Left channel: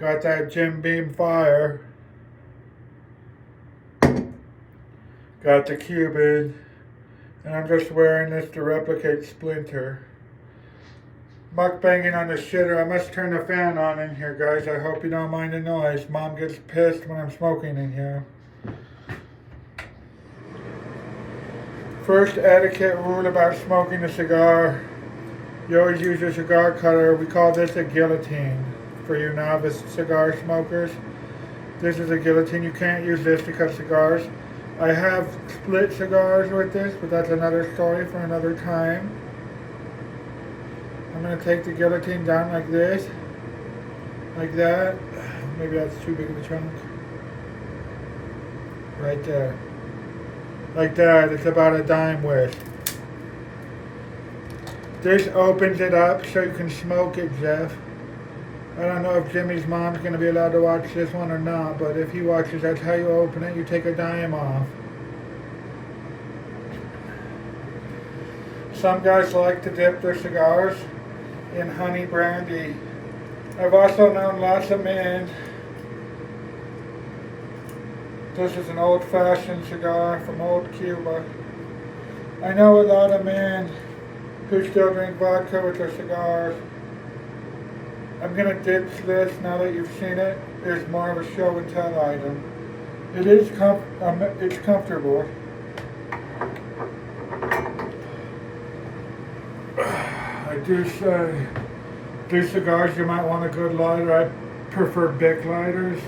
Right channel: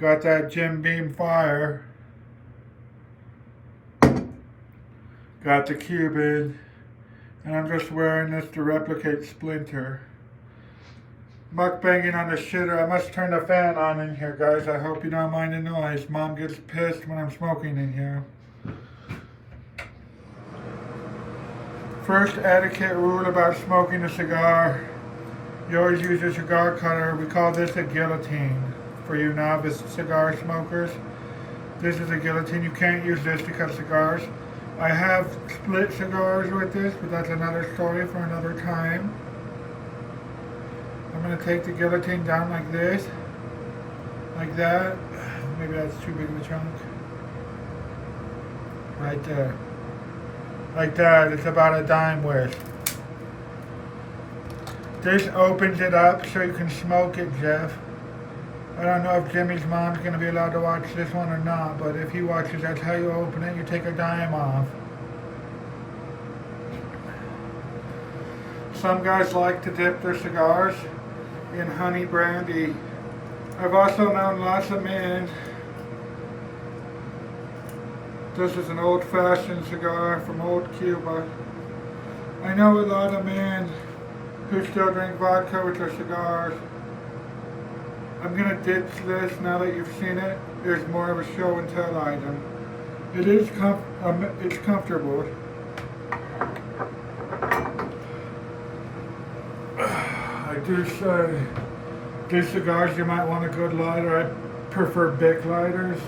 Got that Jim Beam fire. Got the Cuban. And I'm just wearing this to replicate Splinter. Mukbanging on the shitter. I must turn the fan on in here, guys. I hope you don't mind the noise. Mom gets pissed when I'm smoking in here. First etiquette rule about smoking a cigar. You always use your cigar cutter. We call this a guillotine for you novice cigar smokers. This is a guillotine. You can't use this to cut cigars. I have split cigars with this, but that's another story for another time. I'm going to take the guillotine down like this. Like that. Maybe that's too big of a chunk. Right there. Like that. It's about a dime width. This opens it up so you can smoke it, Jeff. I don't know if Jimmy's mom's going to be allowed to watch this one or not, but if he watches, that's how you open it. You take a dime off. Some guys like to dip their cigars in honey brandy. I've also known lots of men. This is an old-fashioned cigar from old Cuba. I know a lot of men who still drink vodka with their cigars. I'm going to ditch this now that you've seen it. There's more of a show and tell item. It is it's comfortable. I do say, these cigars you might want a good lighter. I prefer Bic lighters.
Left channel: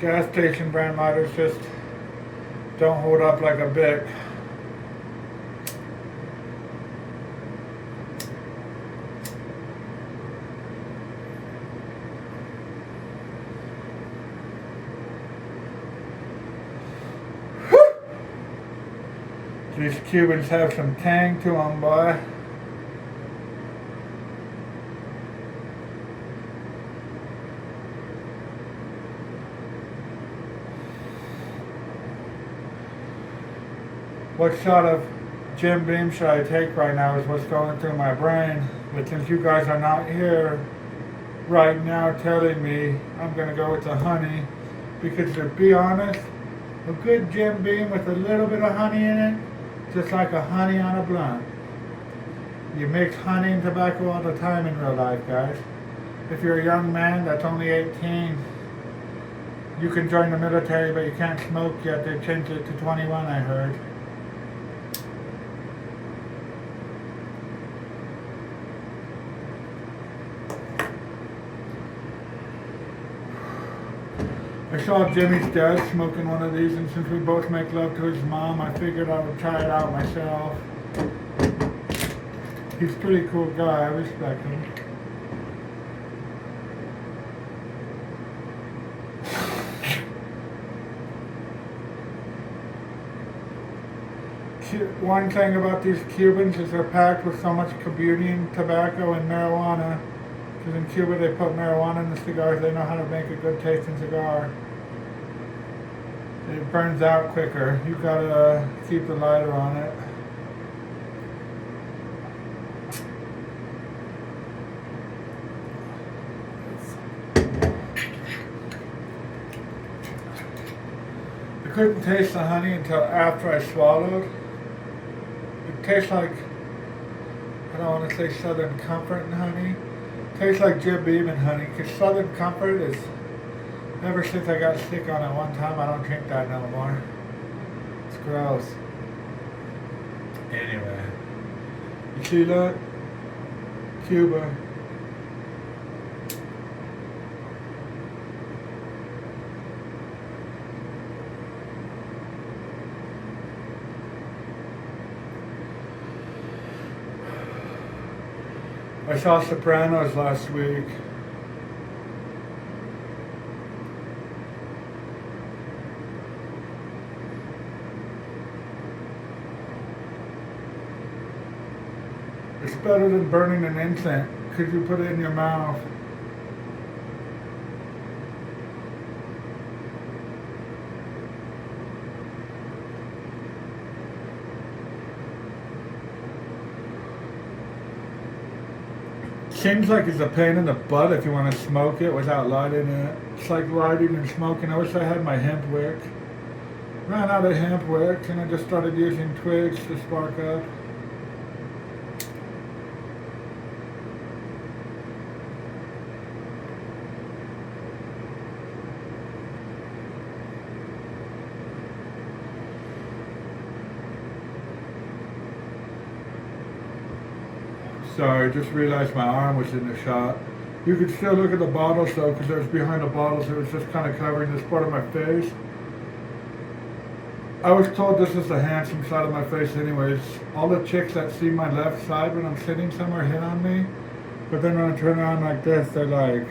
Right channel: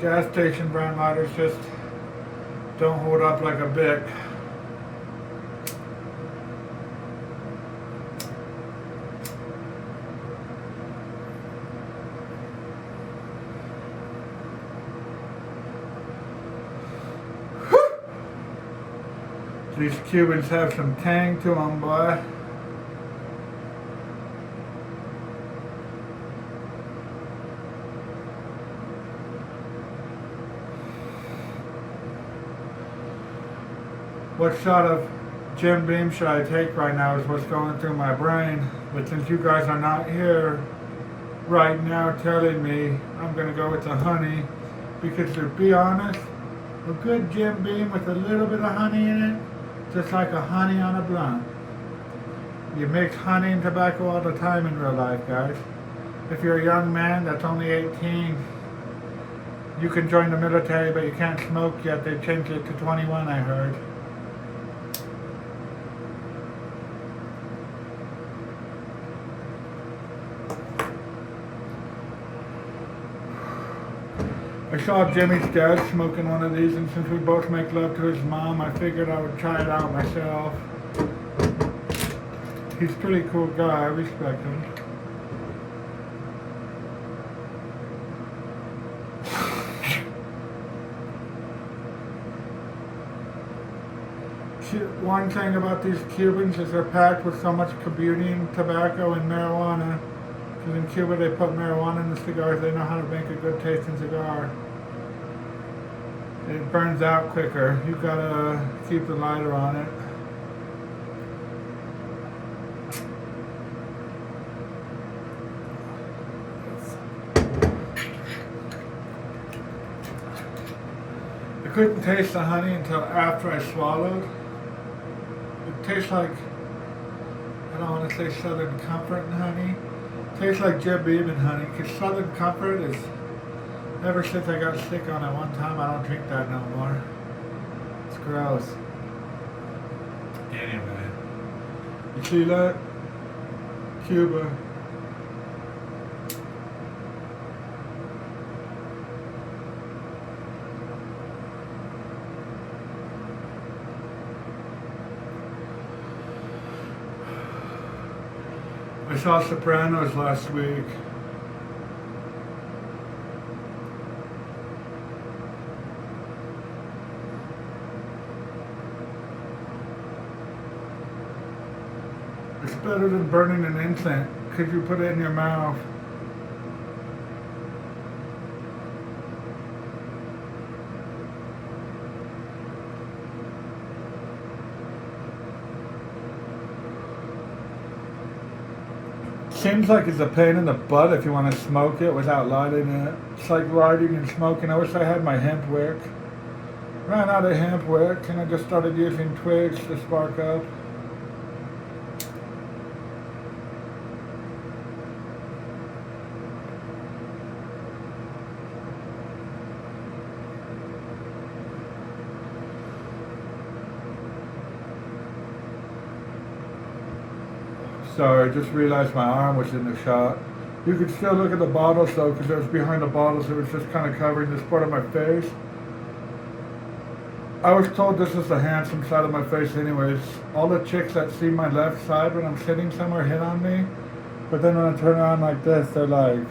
Gas station brand lighters just don't hold up like a Bic. These Cubans have some tang to them, boy. What shot of Jim Beam should I take right now is what's going through my brain. But since you guys are not here right now telling me, I'm going to go with the honey. Because to be honest, a good Jim Beam with a little bit of honey in it, just like a honey on a blunt. You mix honey and tobacco all the time in real life, guys. If you're a young man that's only 18, you can join the military, but you can't smoke yet. They changed it to 21, I heard. I saw Jimmy's dad smoking one of these, and since we both make love to his mom, I figured I would try it out myself. He's a pretty cool guy, I respect him. One thing about these Cubans is they're packed with so much communion, tobacco, and marijuana. Because in Cuba they put marijuana in the cigars. They know how to make a good tasting cigar. And it burns out quicker. You gotta keep the lighter on it. I couldn't taste the honey until after I swallowed. It tastes like, I don't want to say Southern Comfort and honey. It tastes like Jim Beam and honey, because Southern Comfort is, ever since I got sick on it one time, I don't drink that no more. It's gross. Anyway. You see that? Cuba. I saw Sopranos last week. It's better than burning an incense because you put it in your mouth. Seems like it's a pain in the butt if you want to smoke it without lighting it. It's like lighting and smoking. I wish I had my hemp wick. Ran out of hemp wick and I just started using twigs to spark up. Sorry, I just realized my arm was in the shot. You could still look at the bottles though, because it was behind the bottles. It was just kind of covering this part of my face. I was told this was the handsome side of my face anyways. All the chicks that see my left side when I'm sitting somewhere hit on me. But then when I turn around like this, they're like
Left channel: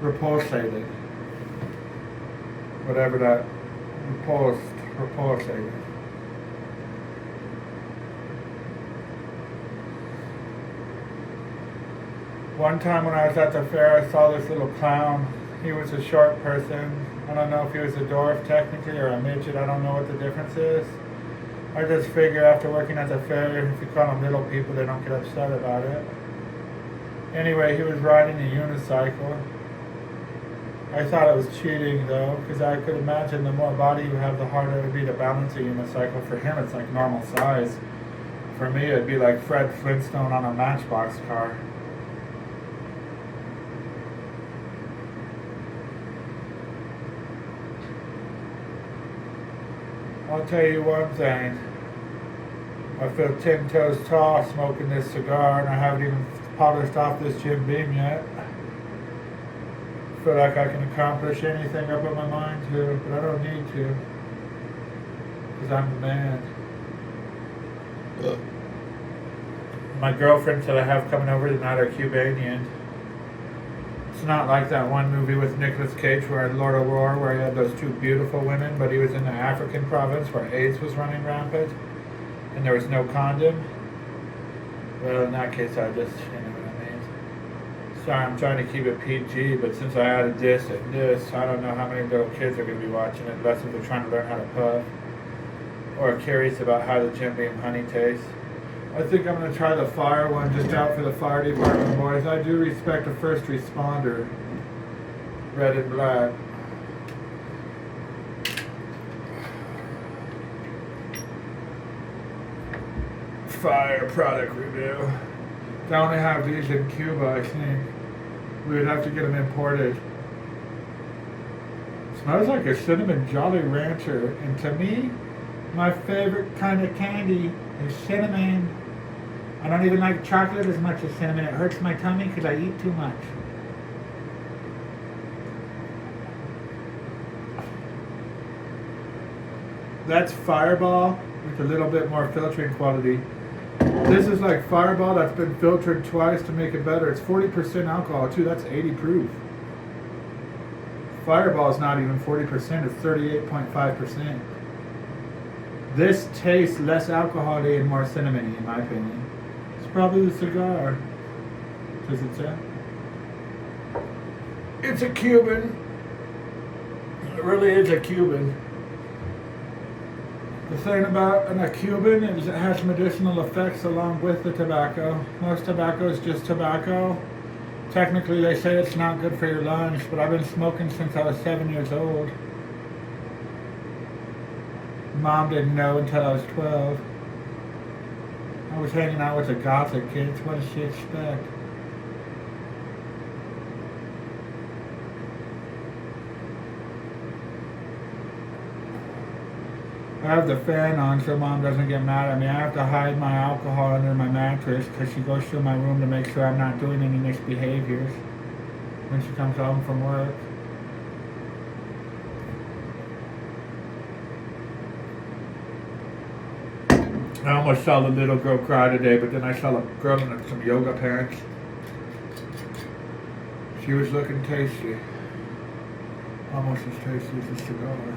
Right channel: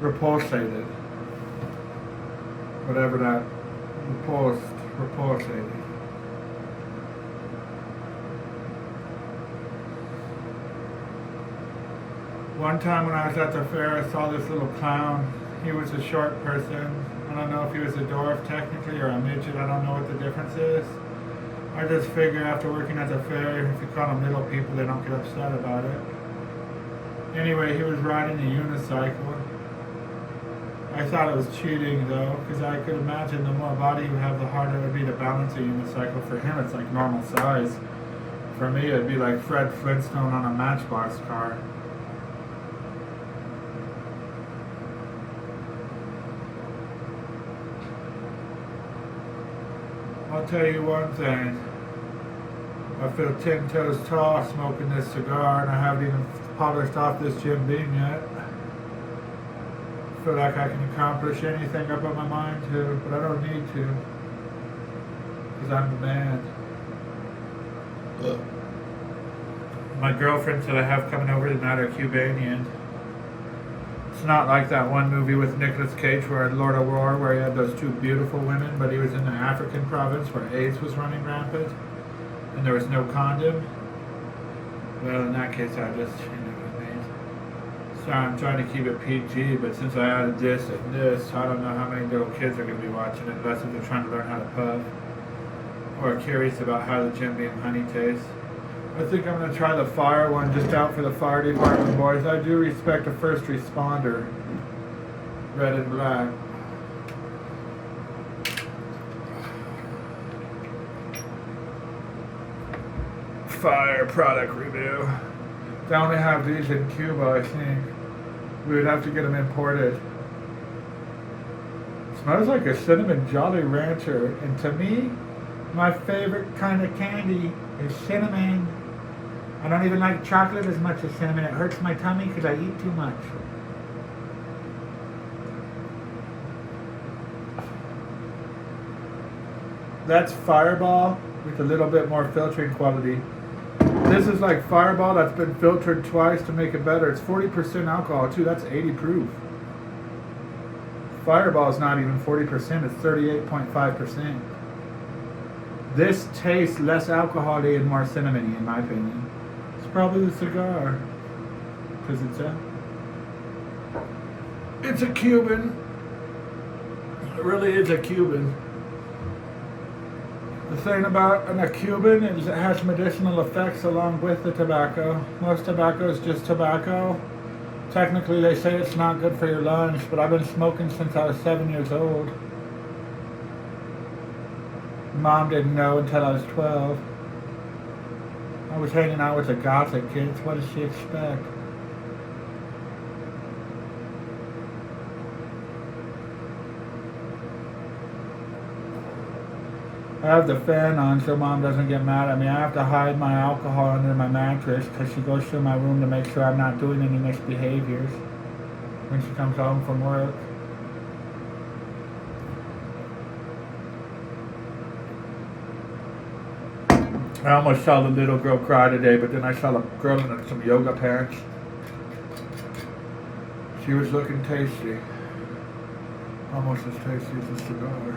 repulsated. Whatever that, repulsated. One time when I was at the fair, I saw this little clown. He was a short person. I don't know if he was a dwarf technically or a midget. I don't know what the difference is. I just figure after working at the fair, if you call them little people, they don't get upset about it. Anyway, he was riding a unicycle. I thought it was cheating though, because I could imagine the more body you have, the harder it would be to balance a unicycle. For him, it's like normal size. For me, it'd be like Fred Flintstone on a Matchbox car. I'll tell you one thing. I feel 10 toes tall smoking this cigar, and I haven't even polished off this Jim Beam yet. I feel like I can accomplish anything I put my mind to, but I don't need to, because I'm the man. My girlfriends that I have coming over tonight are Cubanian. It's not like that one movie with Nicolas Cage where Lord of War, where he had those two beautiful women, but he was in the African province where AIDS was running rampant and there was no condom. Well, in that case, I just, you know what I mean. Sorry, I'm trying to keep it PG, but since I added this and this, I don't know how many little kids are going to be watching it, unless they're trying to learn how to puff or curious about how the Jim Beam honey tastes. I think I'm going to try the fire one just out for the fire department, boys. I do respect a first responder. Red and black. Fire product review. They only have these in Cuba, I think. We would have to get them imported. Smells like a cinnamon Jolly Rancher. And to me, my favorite kind of candy is cinnamon. I don't even like chocolate as much as cinnamon. It hurts my tummy because I eat too much. That's Fireball with a little bit more filtering quality. This is like Fireball that's been filtered twice to make it better. It's 40% alcohol too. That's 80 proof. Fireball is not even 40%. It's 38.5%. This tastes less alcohol-y and more cinnamony, in my opinion. It's probably the cigar. Because it's a Cuban. It really is a Cuban. The thing about a Cuban is it has medicinal effects along with the tobacco. Most tobacco is just tobacco. Technically, they say it's not good for your lungs, but I've been smoking since I was 7 years old. Mom didn't know until I was 12. I was hanging out with the gothic kids. What does she expect? I have the fan on so Mom doesn't get mad at me. I have to hide my alcohol under my mattress because she goes through my room to make sure I'm not doing any misbehaviors when she comes home from work. I almost saw the little girl cry today, but then I saw a girl in some yoga pants. She was looking tasty. Almost as tasty as a cigar.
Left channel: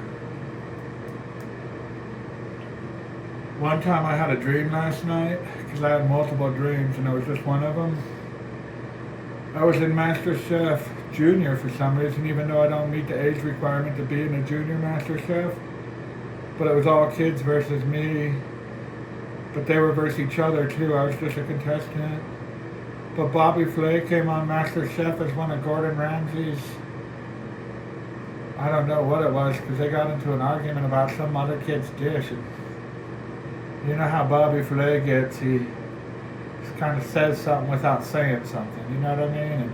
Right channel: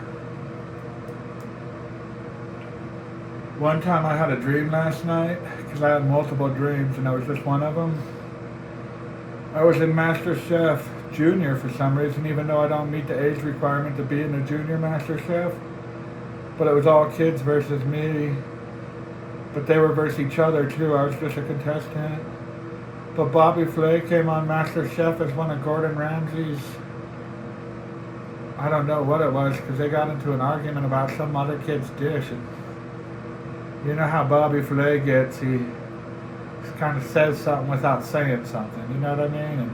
One time I had a dream last night, because I had multiple dreams, and it was just one of them. I was in Master Chef Junior for some reason, even though I don't meet the age requirement to be in a junior Master Chef. But it was all kids versus me. But they were versus each other too. I was just a contestant. But Bobby Flay came on Master Chef as one of Gordon Ramsay's, I don't know what it was, because they got into an argument about some other kid's dish. And you know how Bobby Flay gets, he kind of says something without saying something, you know what I mean? And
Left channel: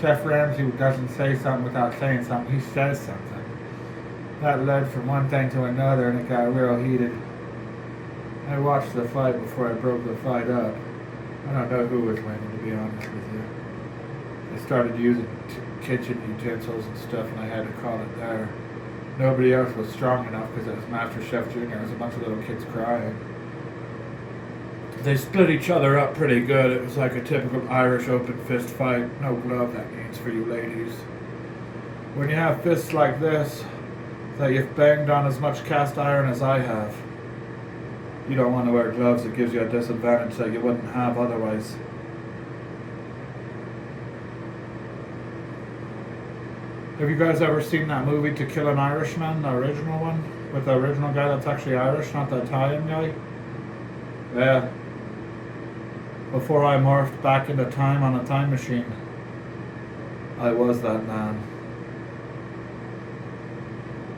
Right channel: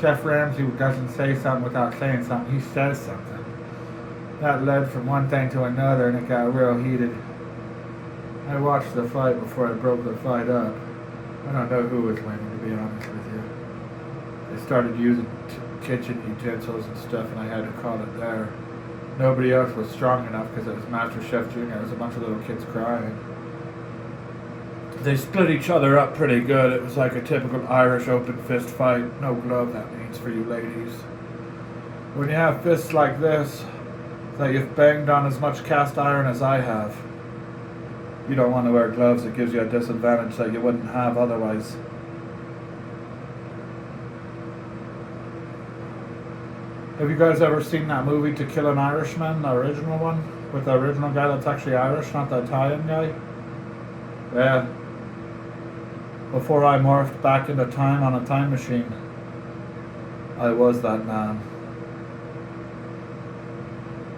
Chef Ramsay doesn't say something without saying something, he says something. That led from one thing to another and it got real heated. I watched the fight before I broke the fight up. I don't know who was winning, to be honest with you. They started using kitchen utensils and stuff and I had to call it there. Nobody else was strong enough because it was Master Chef Jr. There was a bunch of little kids crying. They split each other up pretty good. It was like a typical Irish open fist fight. No glove, that means, for you ladies. When you have fists like this, that you've banged on as much cast iron as I have, you don't want to wear gloves. It gives you a disadvantage that you wouldn't have otherwise. Have you guys ever seen that movie To Kill an Irishman, the original one? With the original guy that's actually Irish, not the Italian guy? Yeah. Before I morphed back into time on a time machine, I was that man.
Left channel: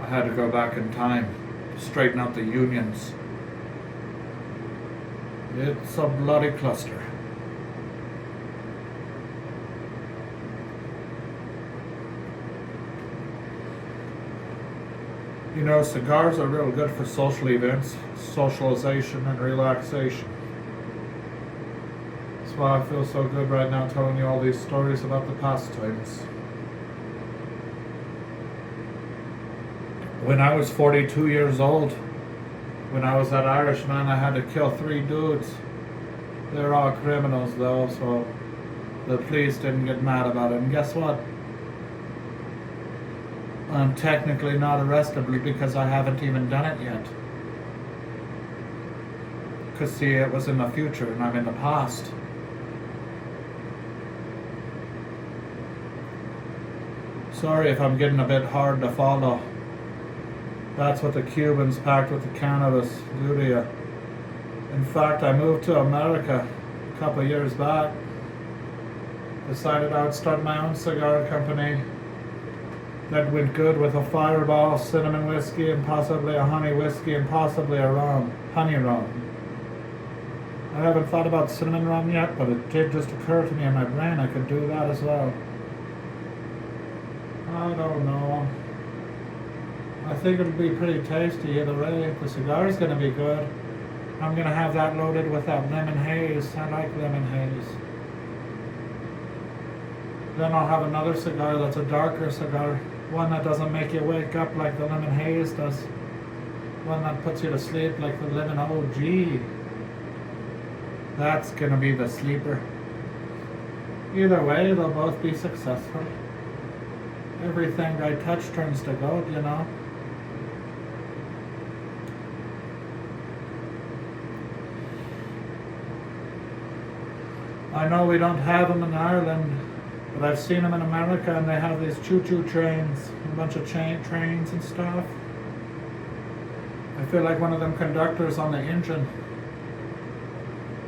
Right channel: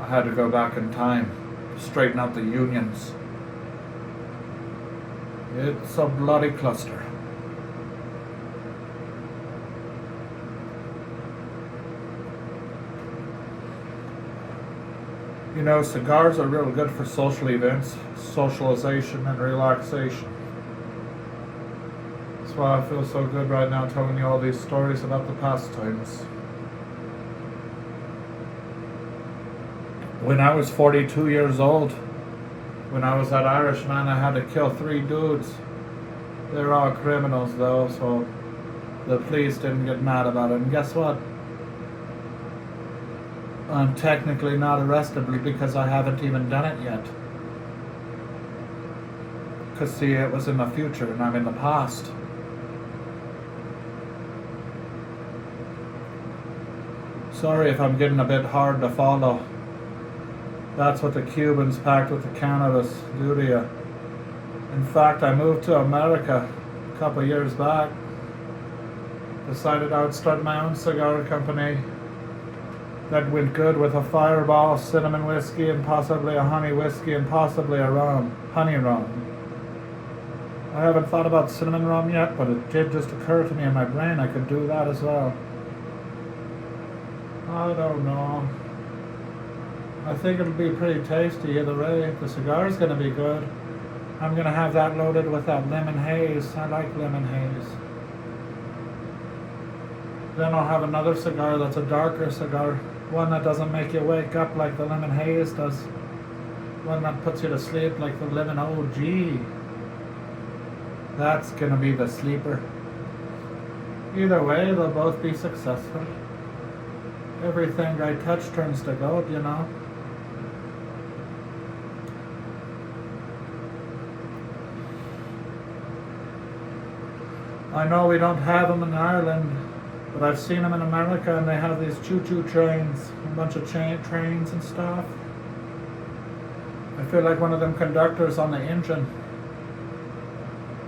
I had to go back in time to straighten out the unions. It's a bloody cluster. You know, cigars are real good for social events, socialization, and relaxation. That's why I feel so good right now telling you all these stories about the pastimes. When I was 42 years old, when I was that Irishman, I had to kill 3 dudes. They're all criminals though, so the police didn't get mad about it. And guess what? I'm technically not arrestable because I haven't even done it yet. Because see, it was in the future and I'm in the past. Sorry if I'm getting a bit hard to follow. That's what the Cubans packed with the Canada's do to you. In fact, I moved to America a couple of years back. Decided I would start my own cigar company. That went good with a Fireball, cinnamon whiskey, and possibly a honey whiskey, and possibly a rum, honey rum. I haven't thought about cinnamon rum yet, but it did just occur to me in my brain I could do that as well. I don't know. I think it'll be pretty tasty either way. The cigar is going to be good. I'm going to have that loaded with that lemon haze. I like lemon haze. Then I'll have another cigar that's a darker cigar. One that doesn't make you wake up like the lemon haze does. One that puts you to sleep like the lemon OG. That's going to be the sleeper. Either way, they'll both be successful. Everything I touch turns to gold, you know. I know we don't have them in Ireland, but I've seen them in America, and they have these choo-choo trains, a bunch of trains and stuff. I feel like one of them conductors on the engine,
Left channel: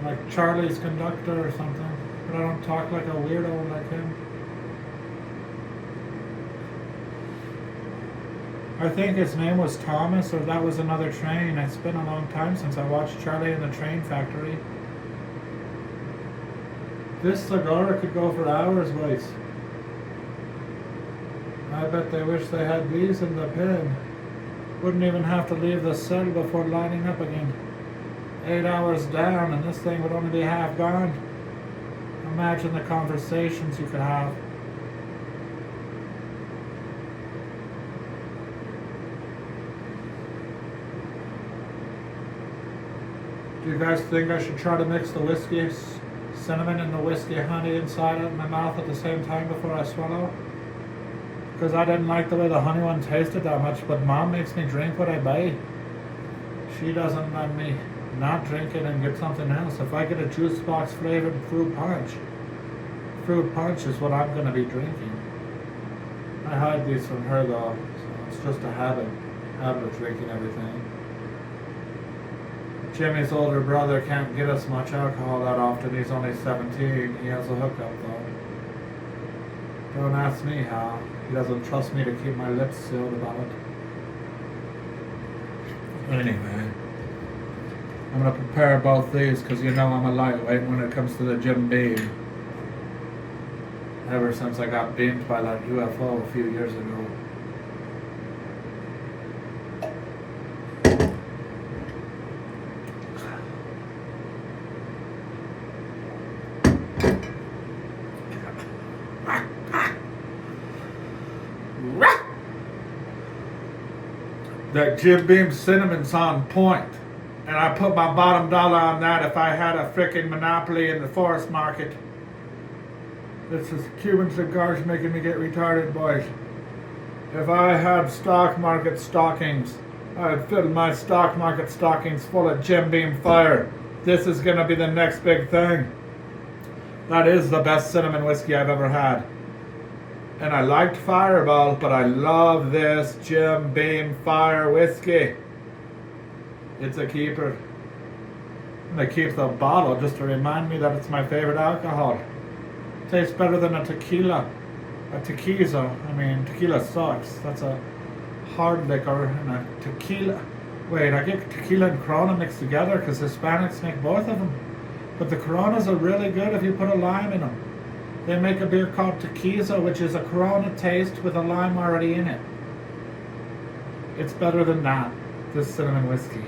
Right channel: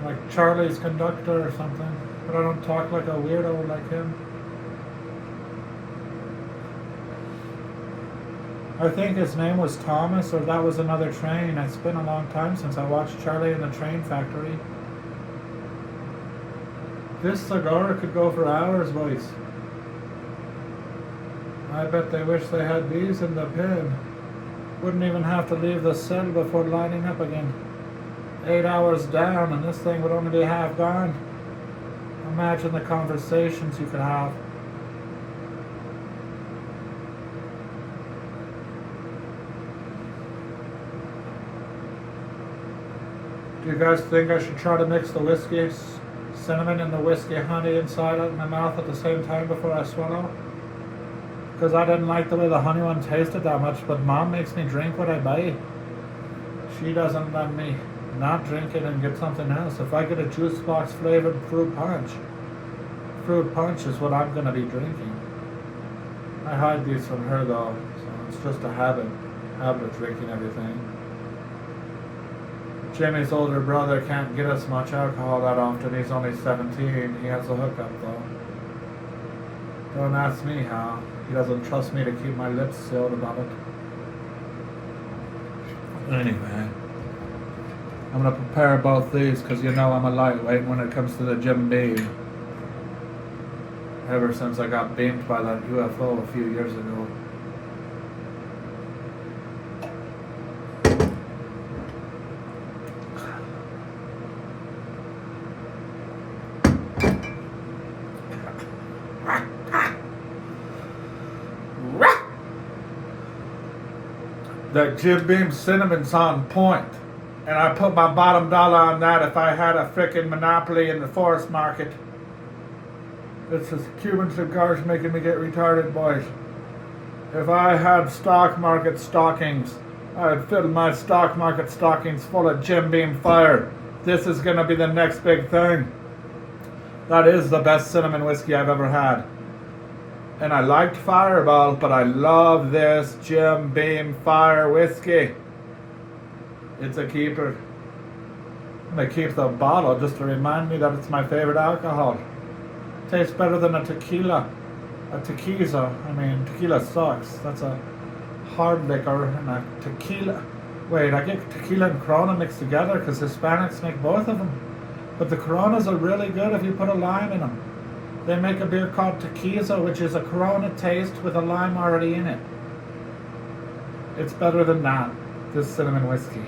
like Charlie's conductor or something, but I don't talk like a weirdo like him. I think his name was Thomas, or that was another train. It's been a long time since I watched Charlie in the Train Factory. This cigar could go for hours, boys. I bet they wish they had these in the pen. Wouldn't even have to leave the cell before lining up again. 8 hours down, and this thing would only be half gone. Imagine the conversations you could have. Do you guys think I should try to mix the whiskey cinnamon and the whiskey honey inside of my mouth at the same time before I swallow? Because I didn't like the way the honey one tasted that much, but Mom makes me drink what I buy. She doesn't let me not drink it and get something else. If I get a juice box flavored fruit punch is what I'm going to be drinking. I hide these from her though. It's just a habit of drinking everything. Jimmy's older brother can't get us much alcohol that often. He's only 17. He has a hookup though. Don't ask me how. He doesn't trust me to keep my lips sealed about it. Anyway, I'm gonna prepare both these because you know I'm a lightweight when it comes to the Jim Beam. Ever since I got beamed by that UFO a few years ago. The Jim Beam cinnamon's on point, and I put my bottom dollar on that if I had a frickin' monopoly in the forest market. This is Cuban cigars making me get retarded, boys. If I had stock market stockings, I'd fill my stock market stockings full of Jim Beam Fire. This is gonna be the next big thing. That is the best cinnamon whiskey I've ever had. And I liked Fireball, but I love this Jim Beam Fire whiskey. It's a keeper. And I keep the bottle just to remind me that it's my favorite alcohol. Tastes better than a tequila. Tequila sucks. That's a hard liquor and a tequila. Wait, I get tequila and Corona mixed together because Hispanics make both of them. But the Coronas are really good if you put a lime in them. They make a beer called Tequila, which is a Corona taste with a lime already in it. It's better than that, this cinnamon whiskey.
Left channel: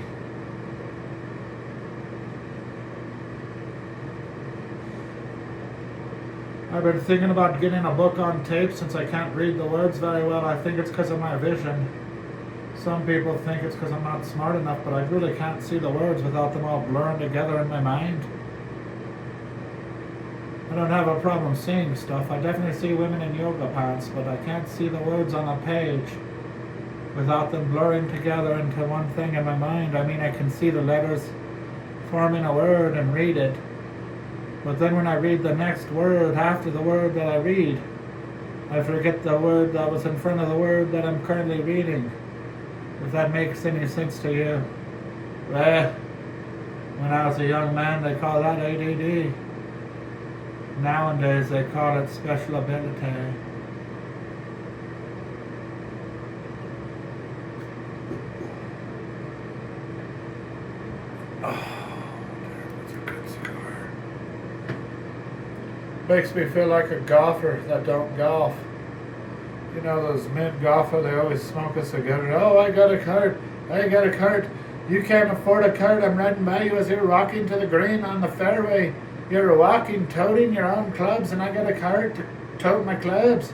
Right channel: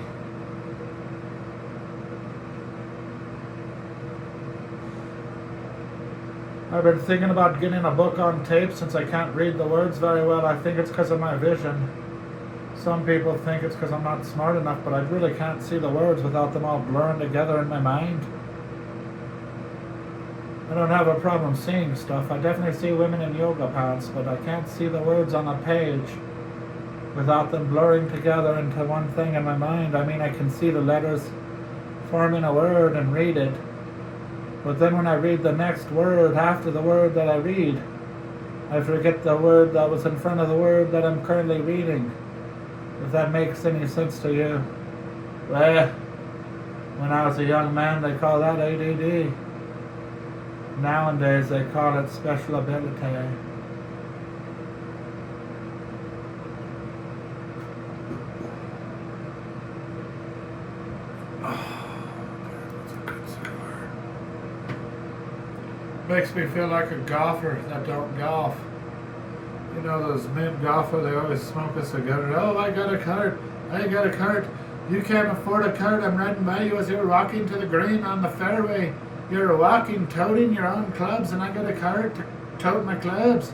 I've been thinking about getting a book on tape since I can't read the words very well. I think it's because of my vision. Some people think it's because I'm not smart enough, but I really can't see the words without them all blurring together in my mind. I don't have a problem seeing stuff. I definitely see women in yoga pants, but I can't see the words on a page without them blurring together into one thing in my mind. I mean, I can see the letters forming a word and read it, but then when I read the next word after the word that I read, I forget the word that was in front of the word that I'm currently reading. If that makes any sense to you. Well, when I was a young man, they call that ADD. Nowadays, they call it special ability. Makes me feel like a golfer that don't golf. You know those mid-golfer, they always smoke a cigar. Oh, I got a cart. You can't afford a cart. I'm riding by you as you're walking to the green on the fairway. You're walking, toting your own clubs, and I got a cart to tote my clubs.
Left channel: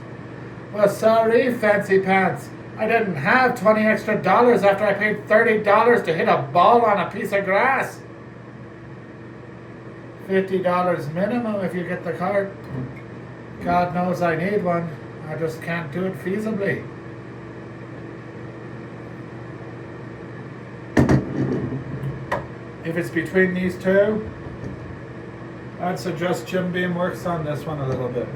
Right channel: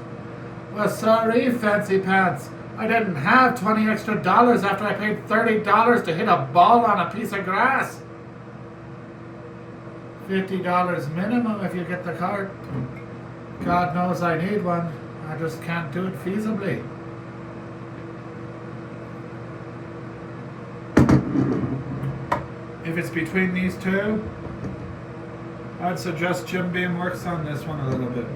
Well, sorry, fancy pants. I didn't have $20 extra after I paid $30 to hit a ball on a piece of grass. $50 minimum if you get the cart. God knows I need one. I just can't do it feasibly. If it's between these two, I'd suggest Jim Beam works on this one a little bit.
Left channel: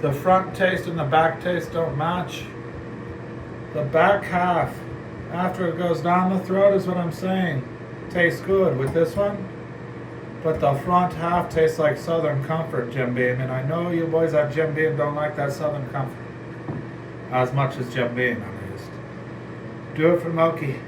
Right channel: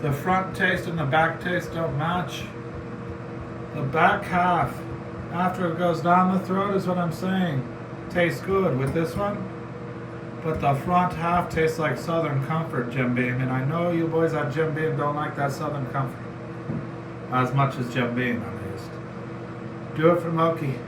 The front taste and the back taste don't match. The back half, after it goes down the throat, is what I'm saying, tastes good with this one. But the front half tastes like Southern Comfort Jim Beam, and I know you boys at Jim Beam don't like that Southern Comfort as much as Jim Beam at least. Do it for Moki.